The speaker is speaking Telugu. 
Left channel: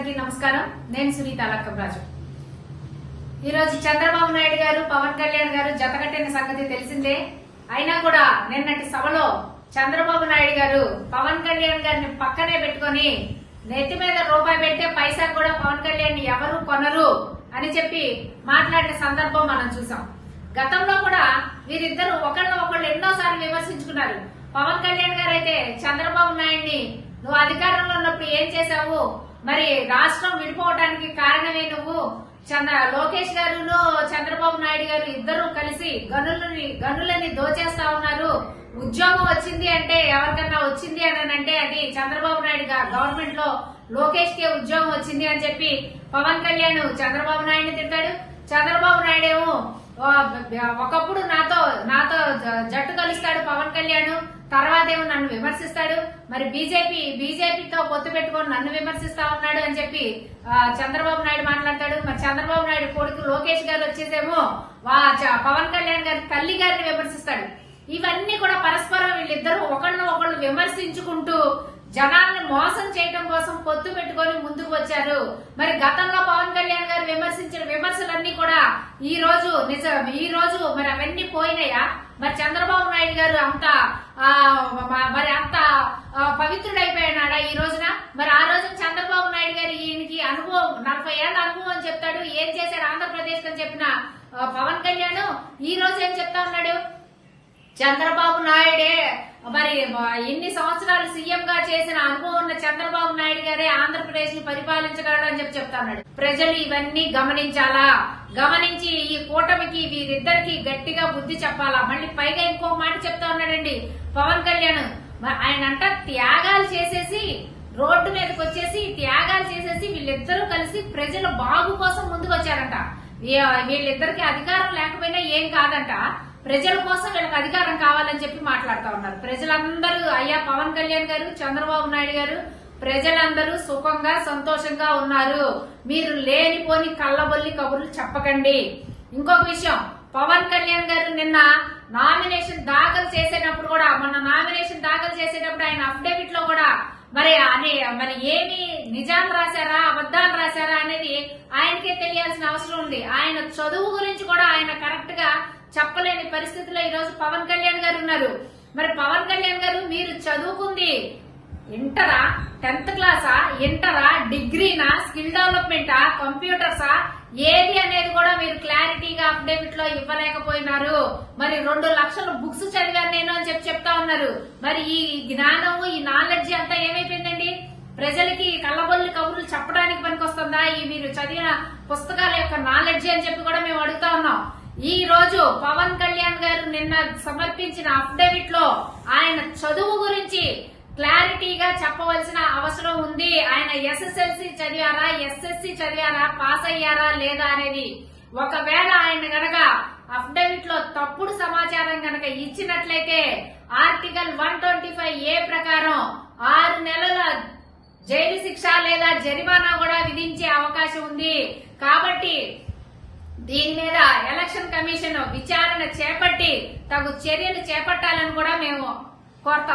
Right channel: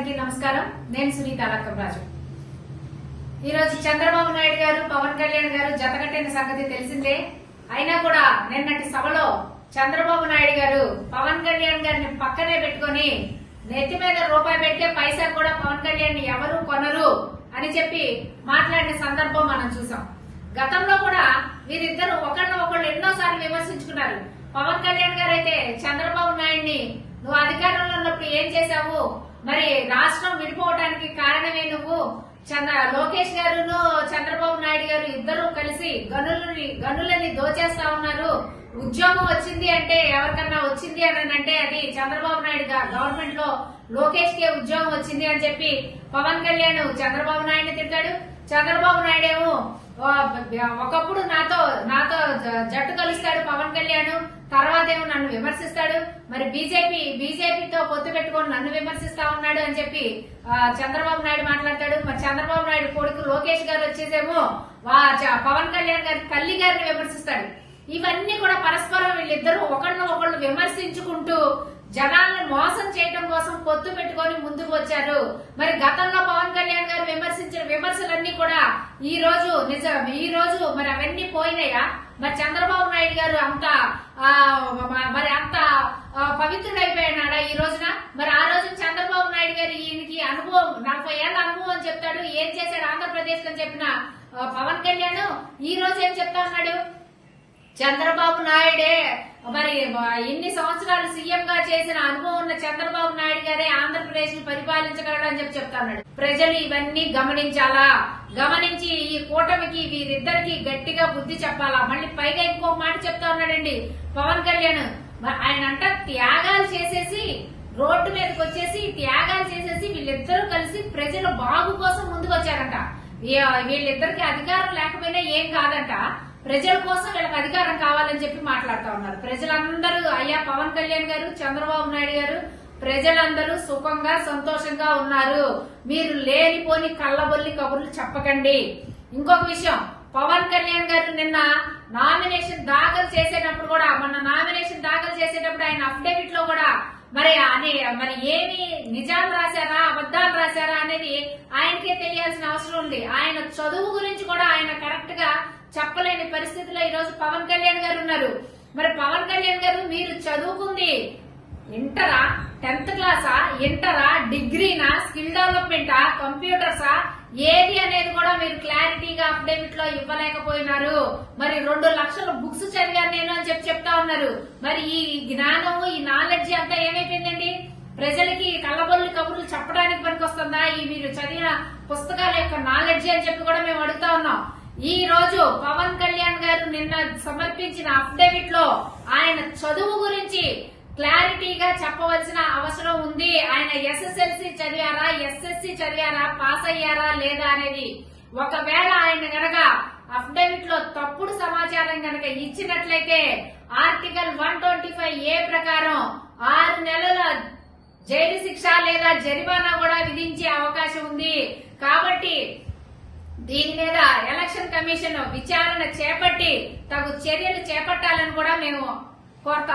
అందరికీ నమస్కారం. నేను సునీత లక్కరాజు ఈరోజు చంద్రబాబు నాయుడు గారు పవన్ కళ్యాణ్ గారు జతకట్టిన సంగతి తెలిసిందే. అయినా కూడా నిన్నటి సభలో చంద్రబాబు నాయుడు గారు పవన్ కళ్యాణ్ గారిని పక్కనే పెట్టుకొని నెత్తి మీద రూపాయి పెట్టే పైసా కూడా పవన్ కళ్యాణ్ ఎవరు కొనరు అని చెప్పి మాట్లాడిన సందర్భం మనం చూసాం. గతంలో కూడా వీరిద్దరు ఒకళ్ళు ఒకళ్ళు ఎన్నోసార్లు విమర్శించుకున్నారు. పవన్ కళ్యాణ్ గారు అయితే చంద్రబాబు నాయుడిని నువ్వు అధికారంలో ఉన్నప్పుడు ఏం చేశావు? మరి రాష్ట్రం విడిపోవడానికి కారణమే నువ్వు? చంద్ర లోకేష్ గారును చంద్రబాబు నాయుడు గారు ఇద్దరు కలిసి గనులని గనులని దోచేస్తా ఉన్నారు. ఉద్యోగం వచ్చింది అంటే ఎవరికన్నా వచ్చింది అని అంటే అది చంద్రబాబు నాయుడు గవర్నమెంట్లో లోకేష్ కే ఉద్యోగం వచ్చింది అని చెప్పి పవన్ కళ్యాణ్ చంద్రబాబు నాయుడు తిడతాడు చంద్రబాబు నాయుడు ఏమో ఒకప్పుడు నాతో నాతో జట్టు కలుస్తాడు పవన్ కళ్యాణ్. తర్వాత ఏమో విమర్శిస్తాడు. మరి బీజేపీ బీజేపీతో పొత్తు పెట్టుకొని నన్ను విమర్శిస్తా ఉన్నాడు అని చెప్పి చంద్రబాబు నాయుడు మాట్లాడతాడు. మరి చంద్రబాబు నాయుడు కొడుకు లోకేష్ గారు వచ్చేసేమో వా చ- పవన్ కళ్యాణ్ గారి తల్లి గారిని విమర్శిస్తాడు. ఇవన్నీ కూడా పరస్పరం వీళ్ళిద్దరూ ఒకళ్ళు ఒకళ్ళు విమర్శించుకుంటూ జనాల్ని మోసం చేయడం కోసం పొత్తు పెట్టుకొని ముందుకు వచ్చారు. మరి గతంలో పవన్ కళ్యాణ్ గారు విమర్శించిన విమర్శలన్నీ కూడా ఈ రోజు నిజం ఈ రోజు మరి అవన్నీ పోయినాయా? మరి చంద్రబాబు నాయుడు గారు అంత మరి అంత పవిత్రుడైపోయినాడా ఈ రోజున? మరి ఆ రోజున చంద్రబాబు నాయుడు గారు ఈయనకి అనుభవం నలభై ఏళ్ళ అనుభవం అని చెప్తాడు. ఏం చేశారు ఆంధ్రప్రదేశ్ అని చెప్పిన పవన్ కళ్యాణ్? ఈ రోజు ఏం చెప్తా ఉన్నాడు? చంద్రబాబు నాయుడే మరి ఎన్ని సంవత్సరాలు సీఎం గా చేసిన అనుభవం ఉన్న చంద్రబాబు నాయుడు గారే ఆంధ్ర ఆంధ్రప్రదేశ్ని పరిపాలించగలడు అని చెప్పి చెప్తా ఉన్నాడు. ప్రజలు ఇవన్నీ గమనించాలా? గమనించి ఈ కూటమికి వీరిద్దరికి గట్టిగా బుద్ధి చెప్పాలా? మళ్ళీ పైగా ఇంకో మాట చెప్తా ఉన్నాడండి. పవన్ కళ్యాణ్ ఆయన అంట త్యాగాలు చేసేసి రోడ్డు మీదకి వచ్చేసి త్యాగాలు చేసేసి వీళ్ళిద్దరూ కలిసి ప్రజల బాగు కోసం ముందుకు వచ్చారంట. వీళ్ళిద్దరికి అధికారం లేకపోయినా ఏం కాదంట. ప్రజల కోసం వీళ్ళకి అధికారం కావాలని చెప్పి మాట్లాడుతా ఉన్నారు. ప్రజలందరూ అయ్యా పవన్ కళ్యాణ్ గారు చంద్రబాబు నాయుడు గారు ప్రజలందరూ సుఖంగా సంతోషంగా ఉన్నారు. మీరు లేనిపోని కళ్ళబొల్లి కబుర్లు చెప్పకండి. ఇంకొక విషయం పవన్ కళ్యాణ్ గారు నిన్న నామినేషన్ దాఖలు చేసేటప్పుడు కూడా మొన్న నామినేషన్ దాఖలు చేసేటప్పుడు ఆయన అఫిడవిట్లో కూడా మరి అనే మరి ఏమి నిజాలు రాశారా అబద్దాలు రాశారా అనేది ఆయనకే తెలియాల్సిన అవసరం ఉంది. ఆయన చదువు గురించి కూడా ఆయన కరెక్ట్గా చెప్పలేని పరిస్థితిలో ఈ రోజు పవన్ కళ్యాణ్ గారు ఉన్నారు. మరి పవన్ కళ్యాణ్ గారు మీరు చదువుకుంది ఇంటరా? టెన్త్ క్లాసా? ఇంటరా? డిగ్రీనా? స్కిల్ డెవలప్మెంటా? కంప్యూటర్సా? ఏది అనేది కూడా మీరు క్లారిటీగా అఫిడవిట్లో ఇవ్వలేకపోయినారు. మరి రెండు లక్షల బుక్స్ చదివాను నేను అని చెప్పి చెప్తా ఉన్నారు. మరి ఈ జ్ఞానము ఈ నాలెడ్జ్ అంతా ఏమైపోయిందండి? ప్రజలకి కళ్ళబొల్లు కబుర్లు చెప్పడానికి పనికొస్తుందా? ఈ మీరు చదివిన పుస్తకాల యొక్క నాలెడ్జ్ అని చెప్పి కూడా మేము అడుగుతా ఉన్నాం. ఈ రోజు పవన్ కళ్యాణ్ గారు నిన్న సమర్పించిన అఫిడవిట్లో ఆయన చదువు గురించి క్లారిటీగా చెప్పవలసిన అవసరం ఉంది. ఆయన ఎస్ఎస్ఎల్సి చదివారా? ఎస్ఎస్సి చదివారా? పాస్ అయ్యారా లేదా అనేది ఒకవేళ ఆయన గనక అఫిడవిట్లో తప్పుడు సమాచారం గనక ఇచ్చినట్లయితే article one twenty five A ప్రకారం ఆరు నెలల జైలు శిక్ష లేదా జరిమానా కూడా విధించే అవకాశం ఉంది. కాబట్టి దీని మీద ఎలక్షన్ కమిషన్ విచారణ చేపట్టి తగు చర్యలు చేపట్టాలని కూడా మేము కోరుతా